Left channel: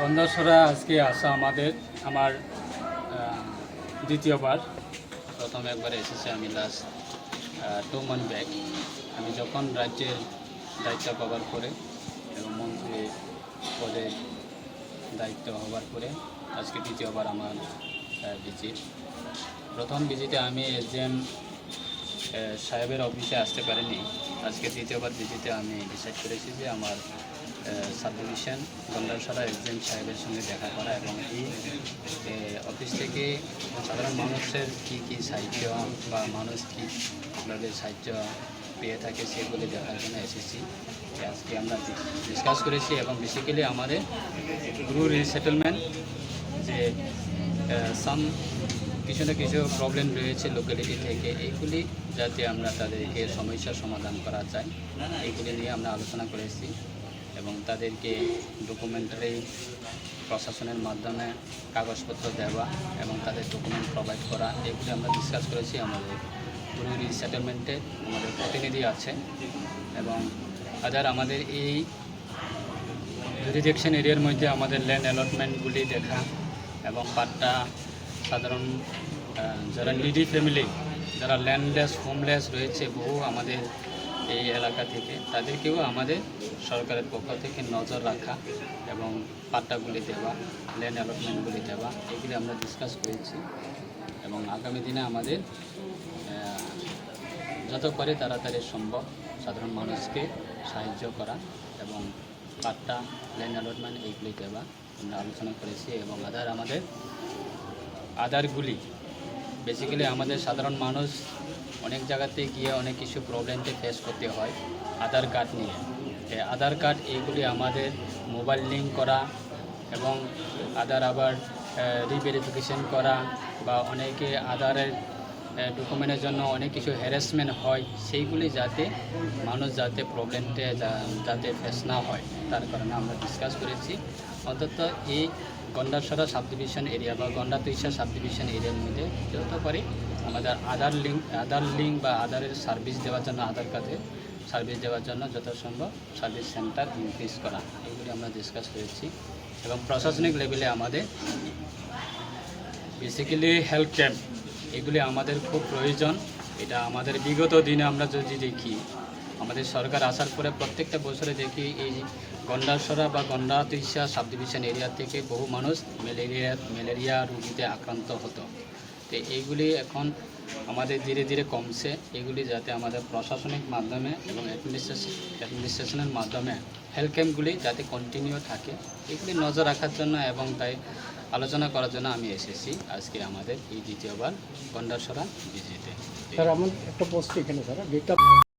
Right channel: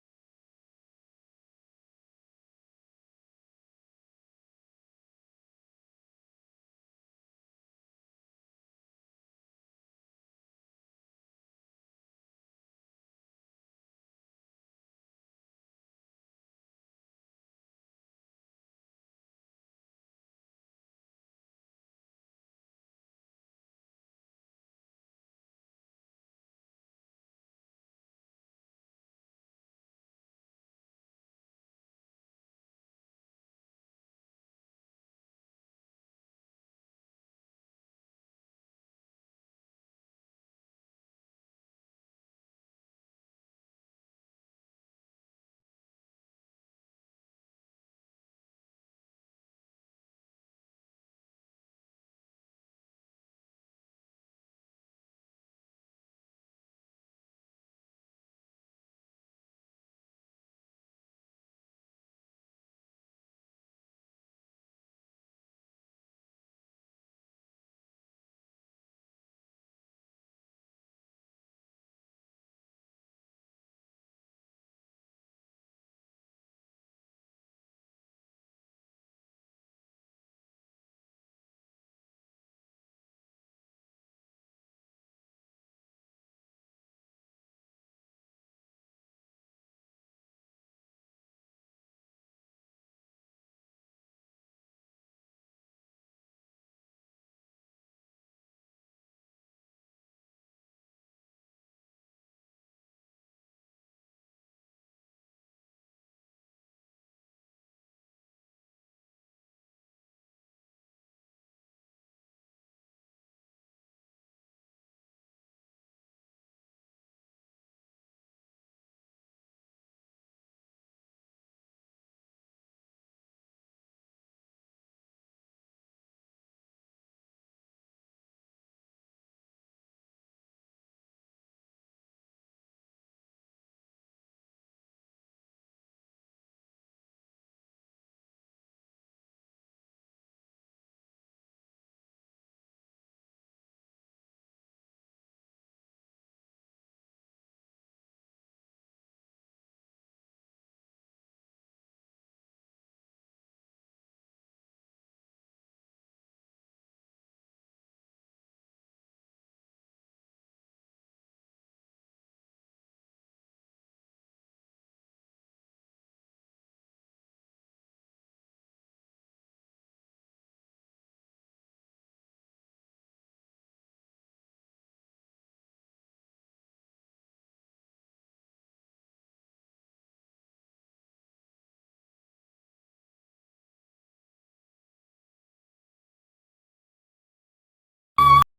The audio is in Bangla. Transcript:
বন্ধসরা আজকে আসা আমার দ্বিতীয়বার। প্রথম একবার এসেছে আমি লাস্ট 2 মান্থ ব্যাক। আমি যখন রাজ্যের দায়িত্ব পাওয়ার পরে এবং মন্ত্রী পদে দায়িত্ব হওয়ার পরে আজকে দ্বিতীয়বার আমার ভিজিট। প্রথম ভিজিটে আমি এসডিএম সাহেবের অফিসে আসতে পারিনি। আজকে দ্বিতীয়বার ভিজিটে আমি ডিসাইড করেছি যে আমার সাব ডিভিশন গন্ডারসরা এসডিএম সাহেবের সঙ্গে দেখা করা এবং এই অফিস থেকে সাধারণ মানুষের কী সাহায্য বা মানুষ কীভাবে সাহায্য পেয়ে থাকে সেগুলি দেখার জন্য এসেছি। আজকে আমরা ডিসকাস করেছি এবং বেসিক্যালি আমাদের গ্রু রিসেটেলমেন্ট যে কিছু না কিছু প্রবলেম রয়েছে লোকালিটি থেকে, এইগুলি যাতে আমরা তাদেরকে সমস্যার সমাধান করা যায় এইগুলি নিয়ে আমরা আলোচনা করেছি এবং তাদেরকে ডকুমেন্টারি প্রশাসনের মাধ্যমে কাগজপত্র দেওয়া এবং তাদের ডকুমেন্ট প্রোভাইড করা এগুলি আমরা ডিসকাস করেছি। আমাদের গ্রু রিসেটেলমেন্টে আমাদের প্রতিনিধি আছে এবং আমাদের এই জুরিডিকশন এরিয়ার মধ্যে আমাদের ল্যান্ড অ্যালটমেন্টগুলি দেখা এবং পাট্টা সাধারণ যারা নিডি ফ্যামিলি, যারা ল্যান্ডলেস হোমলেস রয়েছে বহু আমাদের এই এলাকা থেকে, তাদেরকেও আমাদের সরকারের পক্ষ থেকে নজর রাখা এবং পাট্টাগুলি দেওয়া, ল্যান্ড অ্যালটমেন্টগুলি দেওয়া এগুলি আমরা ডিসকাস করেছি এবং আগামী দিনে আমাদের যত করে তাড়াতাড়ি সম্ভব সাধারণ মানুষকে সাহায্য করা এবং পাট্টা, ল্যান্ড অ্যালটমেন্ট এইগুলি দেওয়া আমরা আলোচনা করেছি এবং আধারগুলি বেসিক্যালি আমাদের সাধারণ মানুষ অনেক জায়গাতে গিয়ে অনেক কিছু প্রবলেমকে ফেস করতে হয় আধার কার্ড নিয়ে। আধার কার্ড এইগুলি আমাদের মোবাইল লিঙ্ক করা এবং আধার আবার রিভেরিফিকেশন করা বা অনেকে আধারের ডকুমেন্টের জন্য অনেক কিছু হ্যারাসমেন্ট হয়, সেইগুলি যাতে মানুষ যাতে প্রবলেমটা যাতে ফেস না হয় তার কারণে আমরা ডিসকাস করেছি। অন্তত এই গন্ডারসরা সাব ডিভিশন এরিয়া বা গন্ডাতুইশা সাব ডিভিশন এরিয়ার মধ্যে যত পারি আমাদের আধার লিঙ্ক বা আধারের সার্ভিস দেওয়ার জন্য, আধার কার্ডের সার্ভিস দেওয়ার জন্য যথাসম্ভব সার্ভিস সেন্টার ইনক্রিজ করা এগুলি আমরা ডিসকাস করেছি এবং প্রশাসনিক লেভেলে আমাদের বেসিক্যালি হেলথ ক্যাম্প এগুলি আমাদের খুব প্রয়োজন। এটা আমাদের বিগত দিনে আমরা যদি দেখি আমাদের সরকার আসার পরে প্রত্যেকটা বছরে দেখি এই গন্ডারসরা বা গন্ডাতুইশা সাব ডিভিশন এরিয়া থেকে বহু মানুষ ম্যালেরিয়া রোগীতে আক্রান্ত হতো। তো এইগুলি এখন আমাদের ধীরে ধীরে কমছে। এগুলি যাতে আমাদের প্রশাসনিক মাধ্যমে এবং অ্যাডমিনিস্ট্রেশনের মাধ্যমে হেলথ ক্যাম্পগুলি যাতে কন্টিনিউ থাকে এগুলি নজর রাখার জন্য এবং তাই আলোচনা করার জন্য আমি এসেছি আজকে আমাদের এই দ্বিতীয়বার গন্ডারসরা ভিজিটে। স্যার আমার একটা প্রশ্ন এখানে স্যার,